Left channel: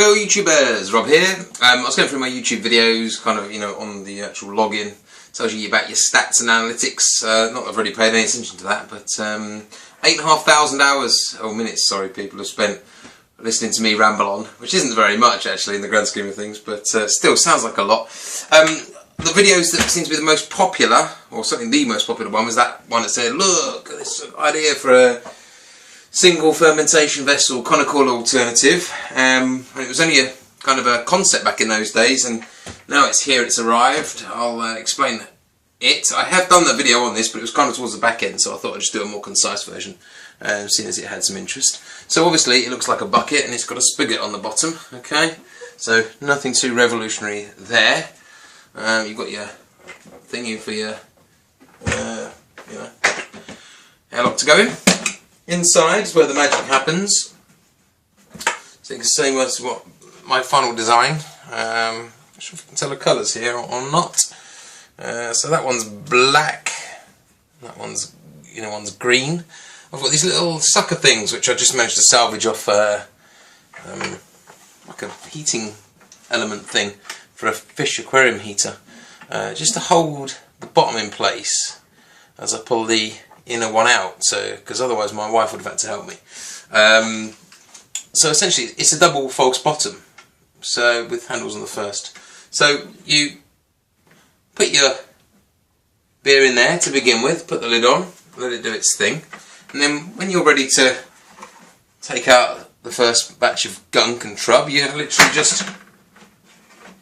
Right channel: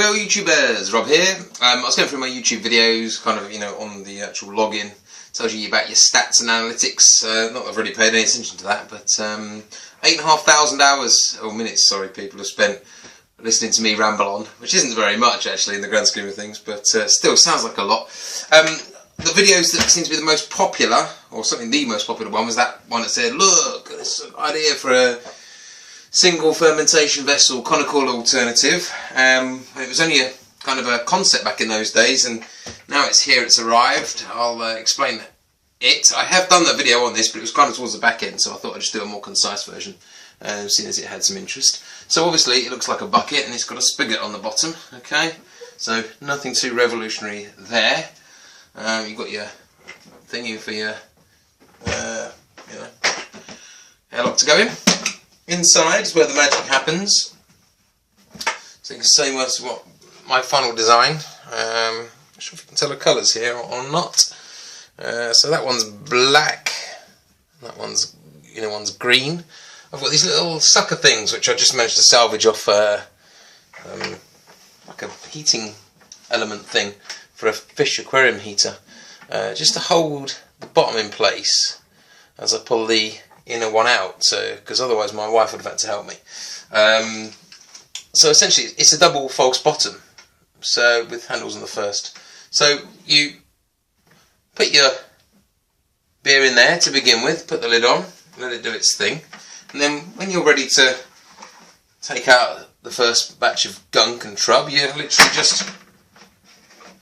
Hello YouTubers, Rob here. I was going through my YouTube videos, kind of, on the actual login. Tells you about your stats and analytics. Not that I've really paid any attention to that, but 8,500 hours, or minutes, sorry, people have spent listening to me ramble on, which isn't very much actually in the grand scheme of things, but still sounds like a lot. The videos that seem to be the most popular, or certainly the most popular one, was that one that said, look, this is an idea for a single fermentation vessel conical alternative. And it was only a kind of a concept back in those days, and now it's here, it's arrived. I'll explain it. I have done that video on this, but it was kind of towards the back end, so I thought I'd just do a more concise version, seeing as it had some interest. So obviously it looks like a bucket and it's got a spigot on the bottom, okay? So nothing too revolutionary there. You've got your thingy for your airlock to go in. Inside is where the magic happens. So you can say what's what my final design. I'm not sure if you can tell the colours here or not. So that one's black. That one's one's green. I've got these little sucker things which I just managed to salvage off like a heating element thing for a fish aquarium heater, just to hold the bottom in place as I pull the inner one out, so because otherwise my wife would have had to help me. So essentially it's a double false bottom, so with handles on the first. So you put your beer in there to begin with, put the lid on, let it do its thing, and then when you're ready to take out the first batch of gunk and trub, you literally just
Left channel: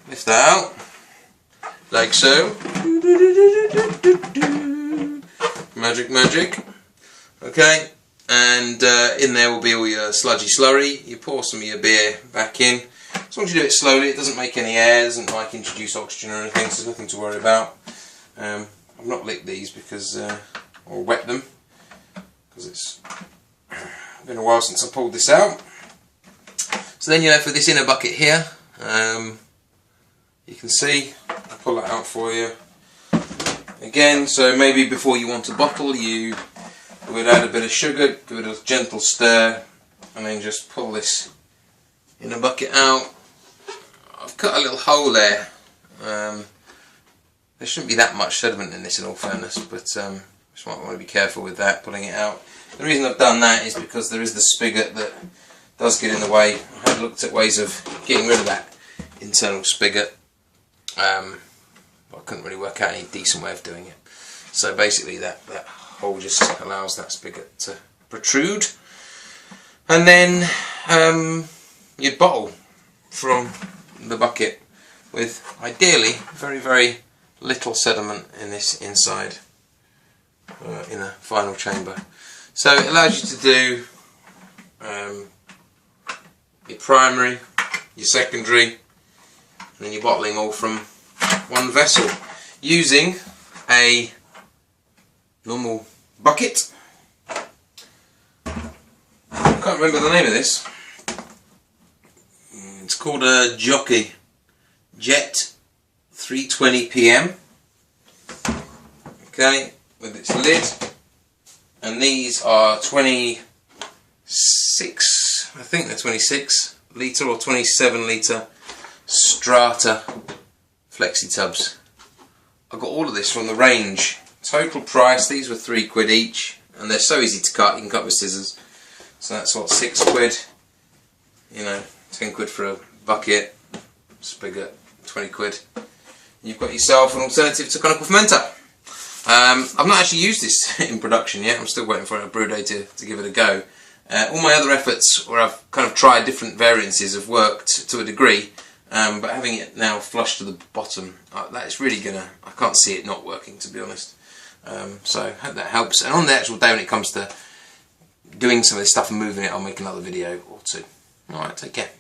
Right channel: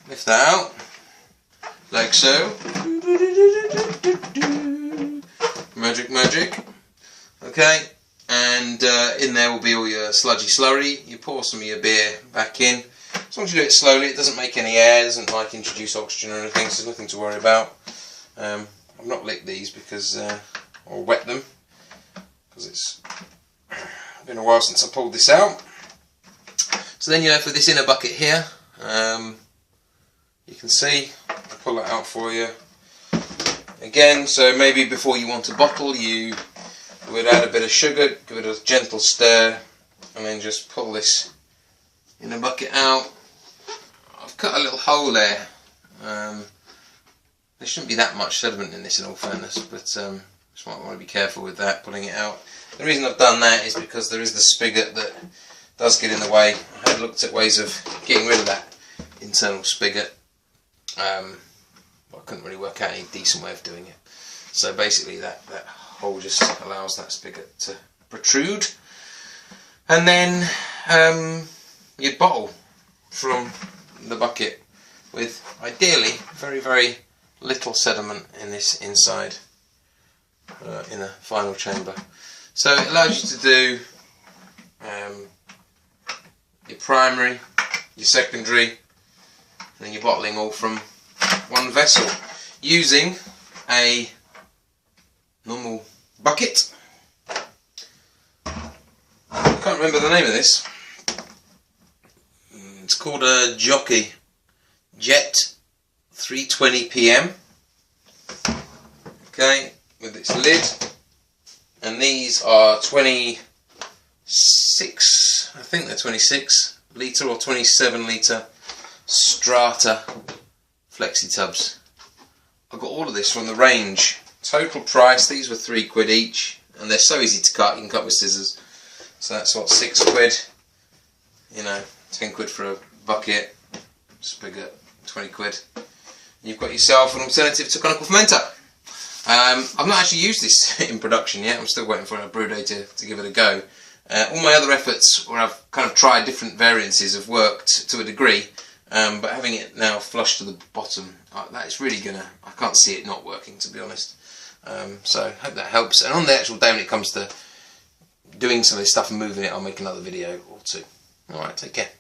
lift that out like so. Magic, magic. Okay, and in there will be all your sludgy slurry. You pour some of your beer back in. As long as you do it slowly, it doesn't make any air, doesn't like introduce oxygen or anything, so there's nothing to worry about. I've not licked these because, or wet them, because it's been a while since I pulled this out. So then for this inner bucket here, you can see, I'll pull it out for you. Again, so maybe before you want to bottle, you would add a bit of sugar, give it a gentle stir, and then just pull this inner bucket out. I've cut a little hole there. There shouldn't be that much sediment in this, in all fairness, but just might want to be careful with that, pulling it out. The reason I've done that is because there is the spigot that does get in the way. I had looked at ways of getting rid of that internal spigot. I couldn't really work out any decent way of doing it. So basically that hole just allows that spigot to protrude. And then you'd bottle from the bucket with ideally very, very little sediment in this inside inner final chamber. So it allows you to do your primary, your secondary, and then your bottling all from one vessel using a normal bucket. I can't remember the name of this. It's called a Jockey Jet 320 PM. Okay, with its lid, and these are 26, I think they're 26 litre or 27 litre strata flexi tubs. I got all of this from the range. Total price, these were £3 each, and they're so easy to cut, you can cut with scissors. So that's what, £6, 10 quid for a bucket, spigot, 20 quid. You've got yourself an alternative to conical fermenter. I've not actually used this in production yet. I'm still waiting for a brew day to give it a go. All my other efforts where I've kind of tried different variances have worked to a degree, but having it now flush to the bottom, that is really gonna, I can't see it not working, to be honest. So I hope that helps. And on the actual day when it comes to doing some of this stuff and moving it, I'll make another video or two. Alright, take care.